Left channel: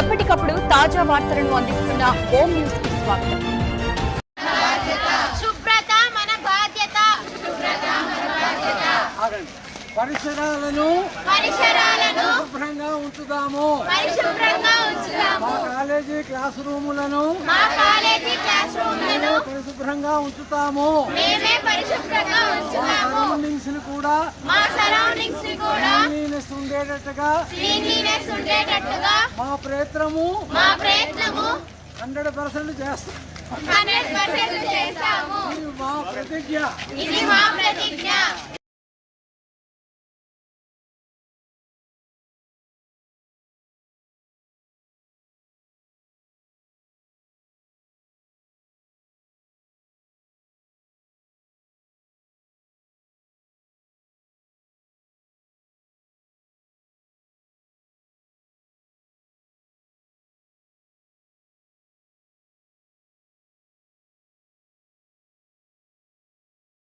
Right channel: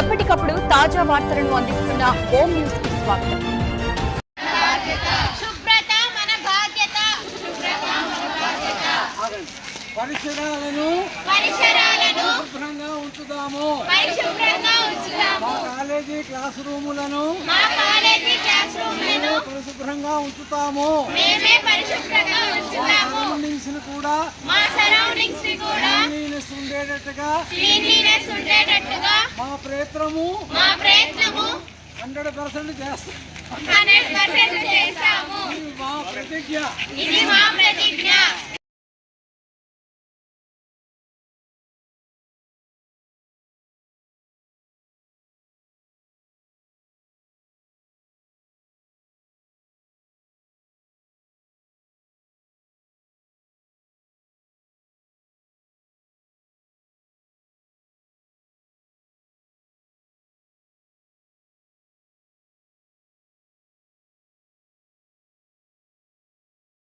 ఎప్పటికప్పుడు తాజా వార్తలను అందిస్తున్న హోమ్ న్యూస్ కి స్వాగతం. శుభ్రత మన బాధ్యత. పరిసరాలను శుభ్రంగా ఉంచుదాము. మా కాలేజీ క్లాస్ రూములను పరిశుభ్రంగా ఉంచుతాము. సరౌండింగ్స్ ని కూడా క్లీన్లీనెస్ ఉండేటట్టుగా మా ప్రయత్నము 100% చేస్తాము. ఇది మా ప్రతిజ్ఞ.